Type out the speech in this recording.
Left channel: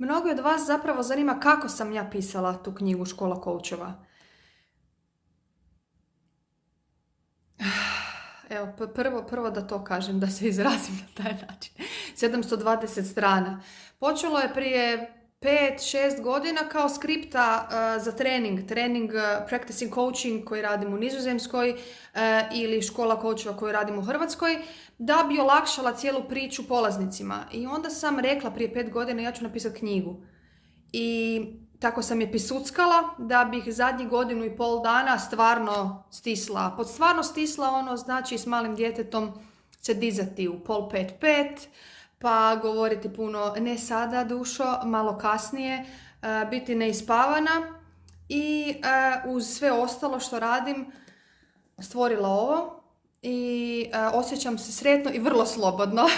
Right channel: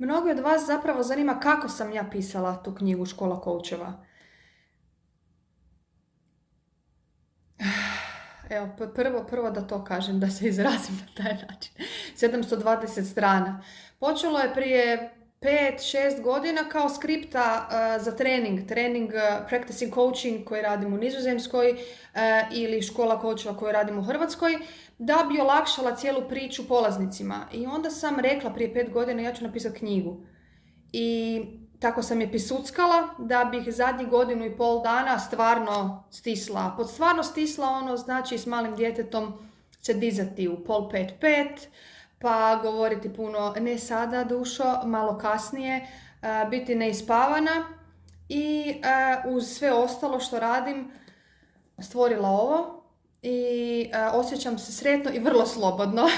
Mnogi od vas zapravo zanima kako sam ja pisala tu knjigu Škola koučeva. Evo, prvo da to kažem, da se izrazim na taj način. 720 strana. Počelo je prije 5-6 godina kao skripta za trening practicing coaching koji radim u Nizozemskoj ili škola coacheva koju radim u Hrvatskoj, da bi olakšala cijelu priču polaznicima. I onda sam rekla prije 5 godina ja ću napisati knjigu. I tako sam je pisuckala da bih zadnjih 1,5 dana stvarno stisla. Pod stvarno stisla ono znači s malim djetetom se dizati u 4:45, pa govoriti puno ne sada dušo, malo kasnije, biti neispavana i uz sve ostalo što radim stvorila ovo i osjećam se sretno i vrlo slobodno.